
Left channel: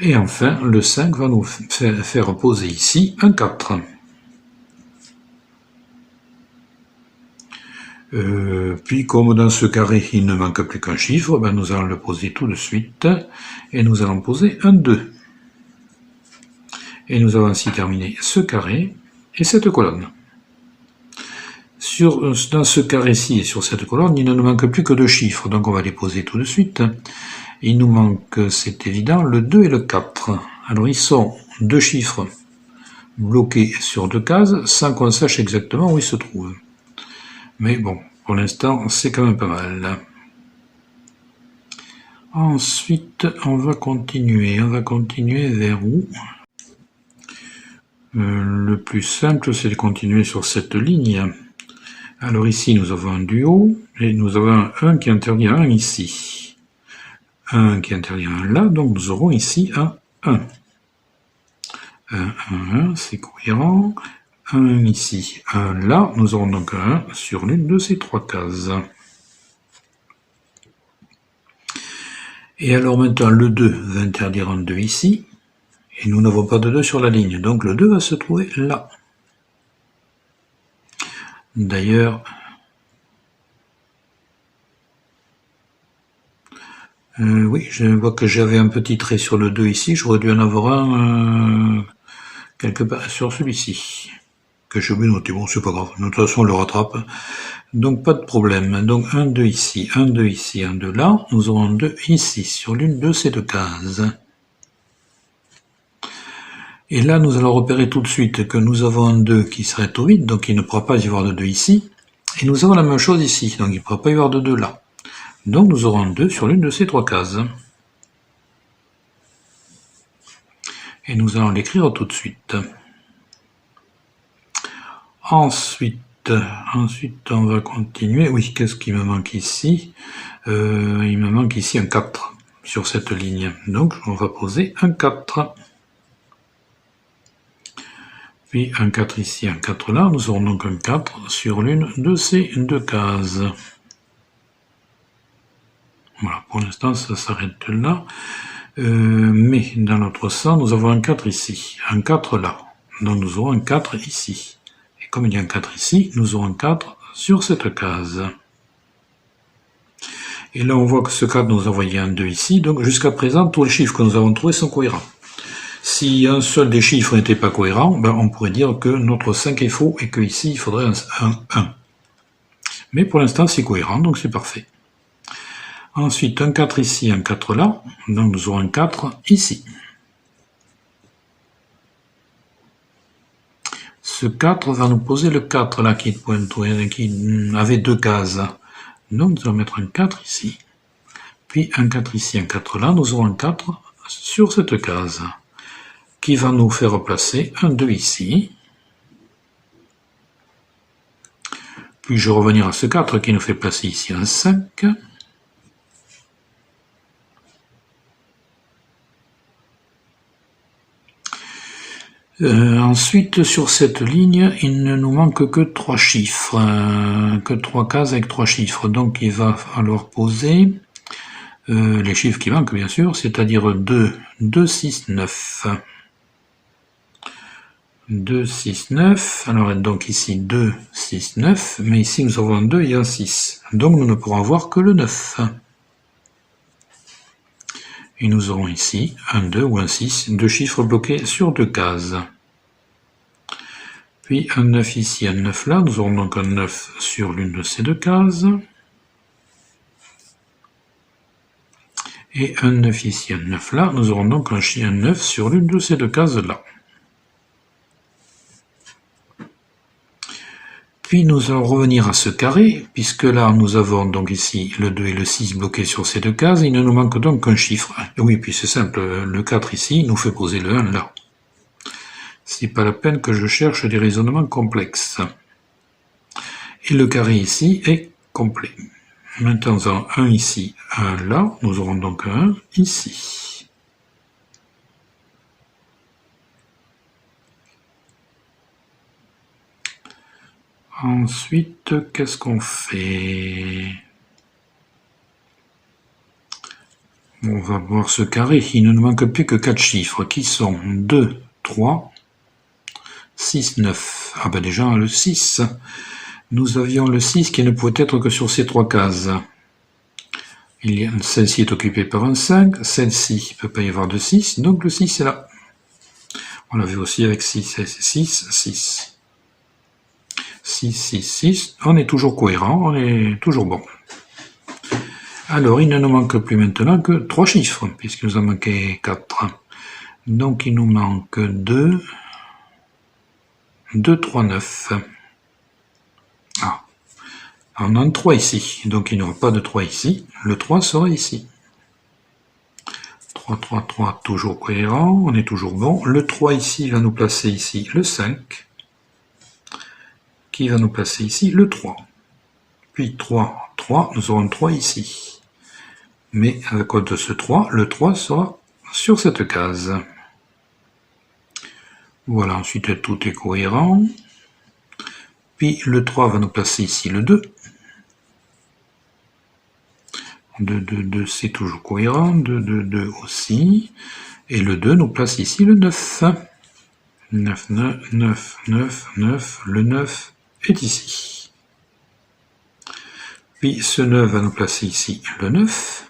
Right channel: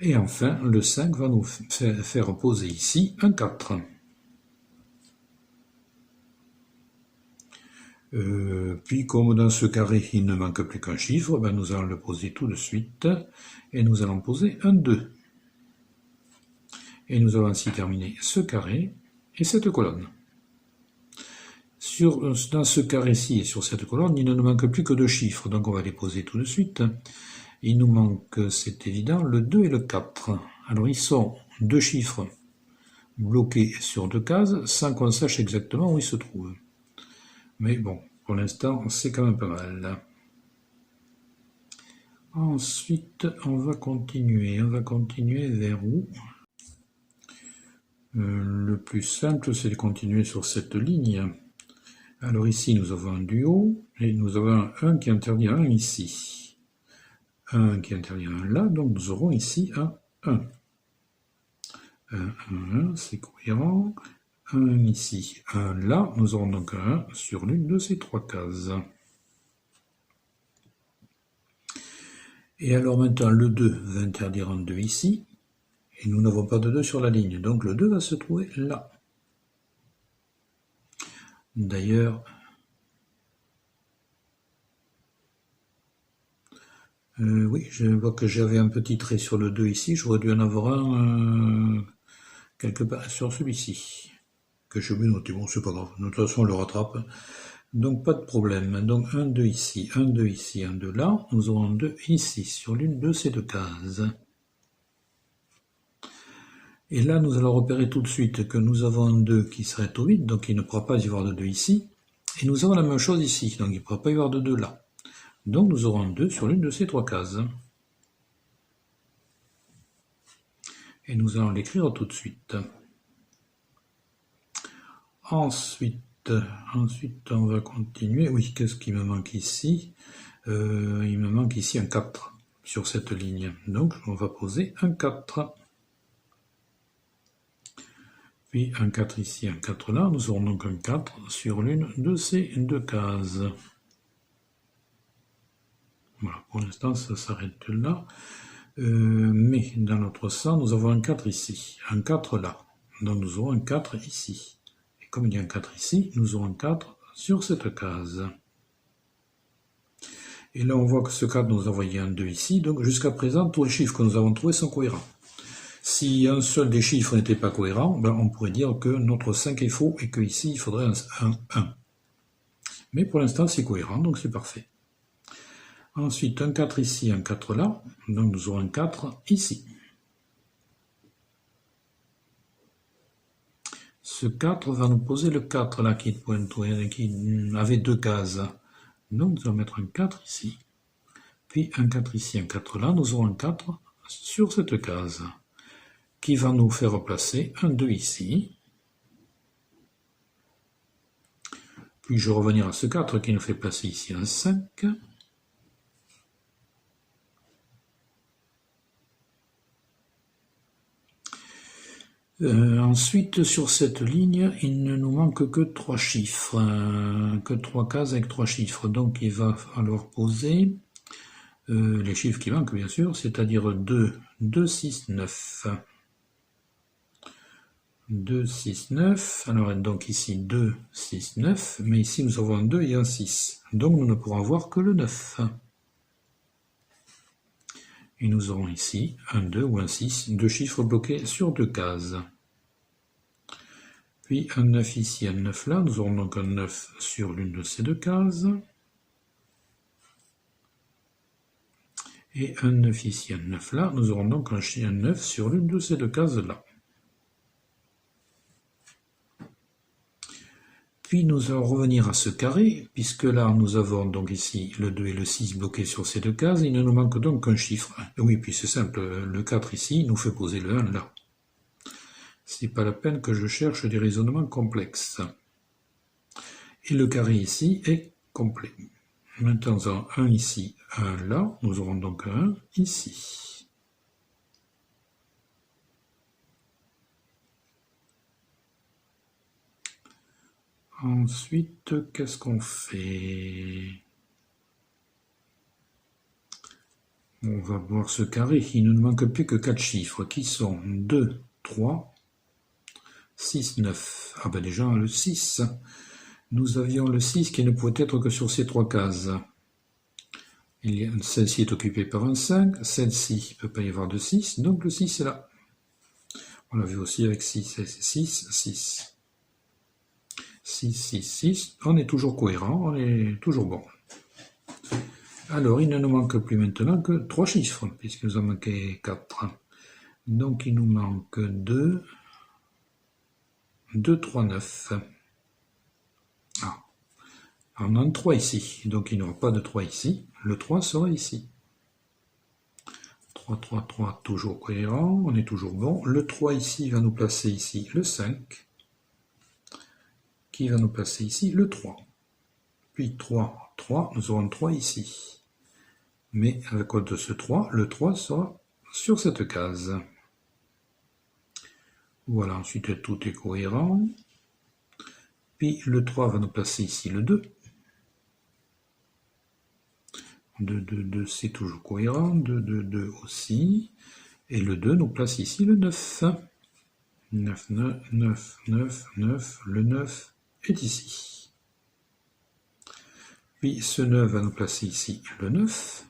Et enfin, le 5 va nous faire poser ici un 4. Puis comme dans ce carré il ne manque plus qu'un chiffre, ben nous allons le poser tout de suite, et nous allons poser un 2. Et nous avons ainsi terminé ce carré et cette colonne. Dans ce carré-ci et sur cette colonne, il ne nous manque plus que deux chiffres, donc on va les poser tout de suite. Il nous manque, c'est évident, le 2 et le 4. Alors ils sont deux chiffres bloqués sur deux cases, sans qu'on sache exactement où ils se trouvent. Mais bon, pour l'instant, c'est quand même pas mal. Ensuite, on va continuer. On va continuer vers où? Le plus simple, c'est de continuer sur cette ligne. Alors ici, nous avons un duo, et nous avons un 1 qui interdit un 1 ici. 1 qui interdit un 1 là, donc nous aurons ici un 1. 1, 1, 1, c'est cohérent. 1 ici, 1 là, nous aurons donc un 1 sur l'une de ces trois cases. Et alors maintenant, le 2 va interdire un 2 ici, et nous n'avons pas de 2 sur la ligne, donc le 2 va se trouver là. D'ailleurs, oui, je vois que j'avais un petit trait sur le 2 ici, j'aurais dû en avoir un quelque part sur celui-ci, que j'ai oublié de noter. Bon, c'est pas grave, de toute façon on le rattrape, donc pas de problème. Donc un 2 ici, un 2 ici, un 2 là, nous aurons un 2 ici, sur l'une de ces deux cases. Et là, nous allons repérer tout de suite que nous avons un 2 qui serait au vide, donc il ne pourra pas y avoir de 2 ici. Et nous avons la même chose ici, donc il ne pourra pas y avoir de 2 là. Donc nous aurons un 2 sur l'une de ces trois cases. Et nous allons l'écrire tout de suite. Ensuite, on va continuer. Oui, qu'est-ce qui me manque ici? Il me manque ici un 4 sur cette ligne. Donc on va poser un 4. Puis un 4 ici, un 4 là, nous aurons donc un 4 sur l'une de ces deux cases. Voilà, pour l'instant ça s'arrête là. Mais dans l'autre sens, nous avons un 4 ici, un 4 là. Donc nous aurons un 4 ici. Et comme il y a un 4 ici, nous aurons un 4 sur cette case. Et là, on voit que ce 4 nous a envoyé un 2 ici. Donc jusqu'à présent, tous les chiffres que nous avons trouvés sont cohérents. Si un seul des chiffres n'était pas cohérent, ben on pourrait dire que notre 5 est faux et qu'ici, il faudrait un 1. Mais pour l'instant, c'est cohérent, donc c'est parfait. Ensuite, un 4 ici, un 4 là. Donc nous aurons un 4 ici. Ce 4 va nous poser le 4 là qui avait deux cases. Donc nous allons mettre un 4 ici. Puis un 4 ici, un 4 là. Nous aurons un 4 sur cette case. Qui va nous faire placer un 2 ici. Puis je vais revenir à ce 4 qui nous fait placer ici un 5. Ensuite, sur cette ligne, il ne nous manque que 3 chiffres, que 3 cases avec 3 chiffres. Donc il va falloir poser les chiffres qui manquent, bien sûr, c'est-à-dire 2, 2, 6, 9. 2, 6, 9. Alors donc ici 2, 6, 9. Mais ici nous avons un 2 et un 6. Donc nous ne pourrons avoir que le 9. Et nous aurons ici un 2 ou un 6, deux chiffres bloqués sur deux cases. Puis un 9 ici, un 9 là, nous aurons donc un 9 sur l'une de ces deux cases. Et un 9 ici, un 9 là, nous aurons donc un 9 sur l'une de ces deux cases là. Puis nous allons revenir à ce carré, puisque là nous avons donc ici le 2 et le 6 bloqués sur ces deux cases, il ne nous manque donc qu'un chiffre. Et oui, puis c'est simple, le 4 ici nous fait poser le 1 là. C'est pas la peine que je cherche des raisonnements complexes. Et le carré ici est complet. Maintenant nous avons 1 ici, 1 là, nous aurons donc un 1 ici. Ensuite, qu'est-ce qu'on fait? On va voir ce carré. Il ne nous manque plus que 4 chiffres qui sont 2, 3, 6, 9. Ah ben déjà le 6. Nous avions le 6 qui ne pouvait être que sur ces 3 cases. Celle-ci est occupée par un 5, celle-ci, il ne peut pas y avoir de 6, donc le 6 est là. On l'a vu aussi avec 6, 6, 6. 6, 6, 6, on est toujours cohérent, on est toujours bon. Alors, il ne nous manque plus maintenant que 3 chiffres, puisqu'il nous en manquait 4. Donc, il nous manque 2, 2, 3, 9. Ah, on a un 3 ici, donc il n'y aura pas de 3 ici. Le 3 sera ici. 3, 3, 3, toujours cohérent, on est toujours bon. Le 3 ici va nous placer ici le 5, qui va nous placer ici le 3. Puis 3, 3, nous aurons 3 ici. Mais à cause de ce 3, le 3 sera sur cette case. Voilà, ensuite tout est cohérent. Puis le 3 va nous placer ici le 2. 2, 2, 2, c'est toujours cohérent. 2, 2, 2 aussi. Et le 2 nous place ici le 9. 9, 9, 9, 9, 9. Le 9 est ici. Puis ce 9 va nous placer ici le 9.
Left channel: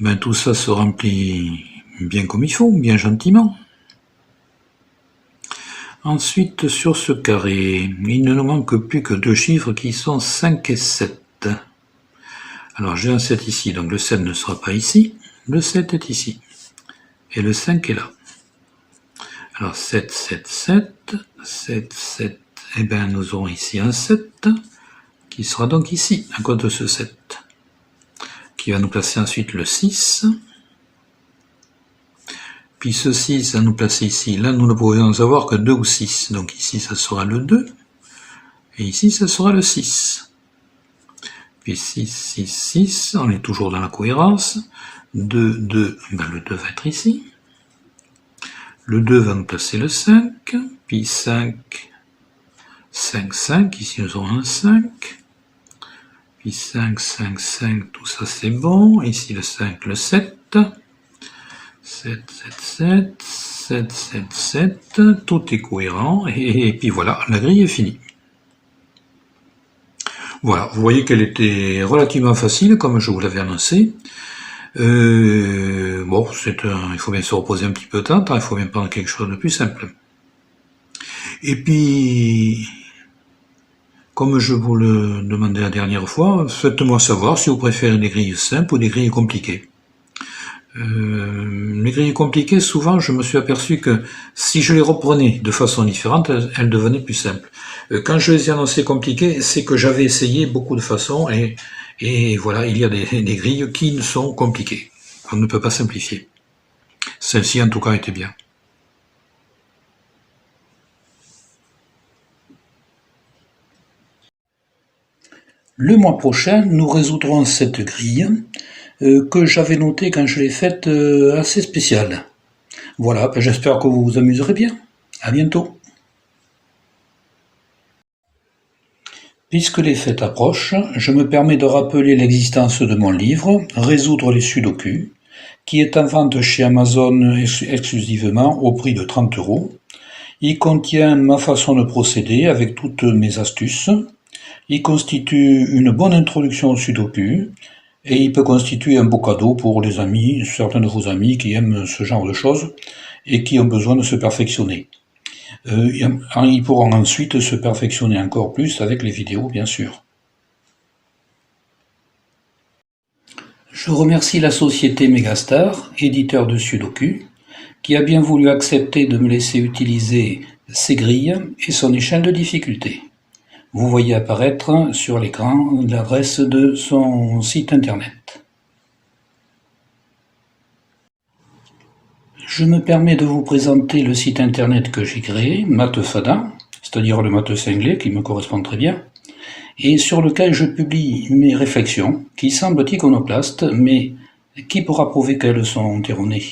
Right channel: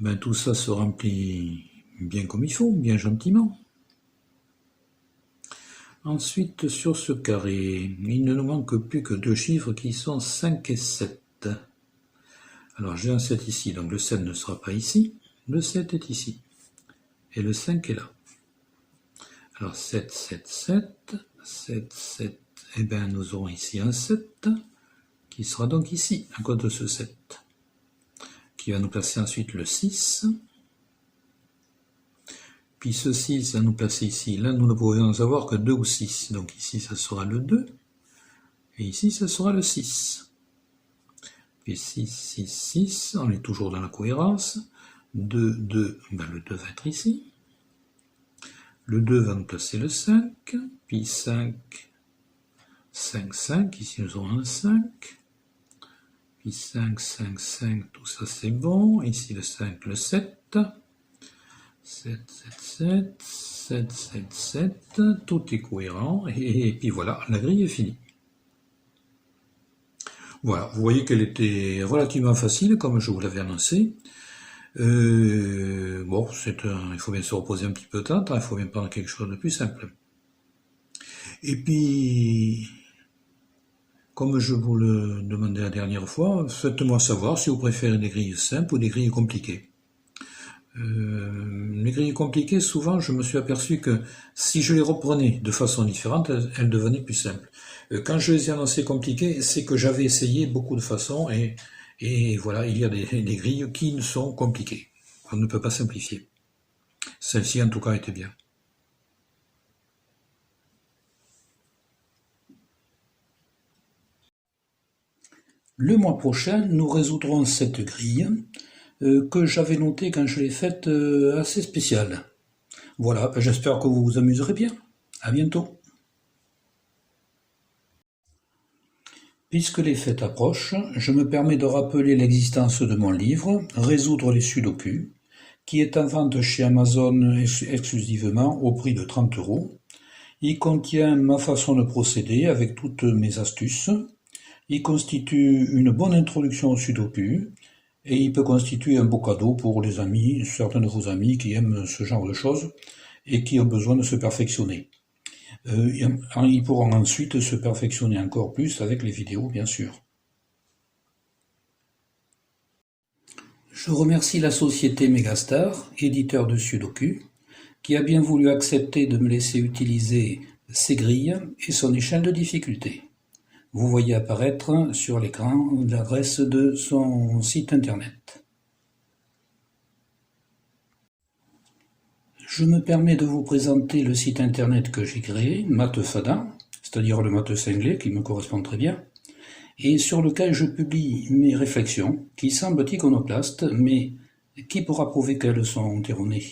Ben, tout ça se remplit bien comme il faut, bien gentiment. Ensuite, sur ce carré, il ne nous manque plus que 2 chiffres qui sont 5 et 7. Alors j'ai un 7 ici, donc le 7 ne sera pas ici, le 7 est ici, et le 5 est là. Alors 7, 7, 7, 7, 7, et bien nous aurons ici un 7, qui sera donc ici, à cause de ce 7, qui va nous placer ensuite le 6, puis ce 6 va nous placer ici, là nous ne pouvons avoir que 2 ou 6, donc ici ça sera le 2, et ici ça sera le 6. Puis 6, 6, 6, on est toujours dans la cohérence. 2, 2, ben le 2 va être ici. Le 2 va nous placer le 5. Puis 5, 5, 5, ici nous aurons un 5. Puis 5, 5, 5, tout ça c'est bon. Ici le 5, le 7. 7, 7, 7, 7, 7, 7. Tout est cohérent. Et puis voilà, la grille est finie. Voilà, vous voyez qu'elle était relativement facile, comme je vous l'avais annoncé. Bon, il faut bien se reposer un petit peu de temps, il faut bien prendre quelque chose de plus simple. Et puis, comme je vous le demandais la dernière fois, faites-moi savoir si vous préférez des grilles simples ou des grilles compliquées. Les grilles compliquées, souvent, je me suis aperçu que si je les reprenais de façon différente, elles devenaient plus simples. Quand je les ai annoncées compliquées, c'est que j'avais essayé beaucoup de façons et voilà, il y a des grilles qui sont compliquées. On ne peut pas simplifier. Celle-ci, en tout cas, était bien. Le mois prochain, nous résoudrons cette grille que j'avais notée quand je l'ai faite assez spéciale. Voilà, j'espère que vous vous amuserez bien. À bientôt. Puisque les fêtes approchent, je me permets de rappeler l'existence de mon livre « Résoudre les sudoku », qui est en vente chez Amazon exclusivement au prix de 30 €. Il contient ma façon de procéder avec toutes mes astuces. Il constitue une bonne introduction au sudoku et il peut constituer un beau cadeau pour les amis, certains de vos amis qui aiment ce genre de choses et qui ont besoin de se perfectionner. Ils pourront ensuite se perfectionner encore plus avec les vidéos, bien sûr. Je remercie la société Megastar, éditeur de Sudoku, qui a bien voulu accepter de me laisser utiliser ses grilles et son échelle de difficulté. Vous voyez apparaître sur l'écran l'adresse de son site internet. Je me permets de vous présenter le site internet que j'ai créé, Mathefada, c'est-à-dire le maths cinglé qui me correspond très bien, et sur lequel je publie mes réflexions qui semblent iconoclastes, mais qui pourra prouver qu'elles sont erronées.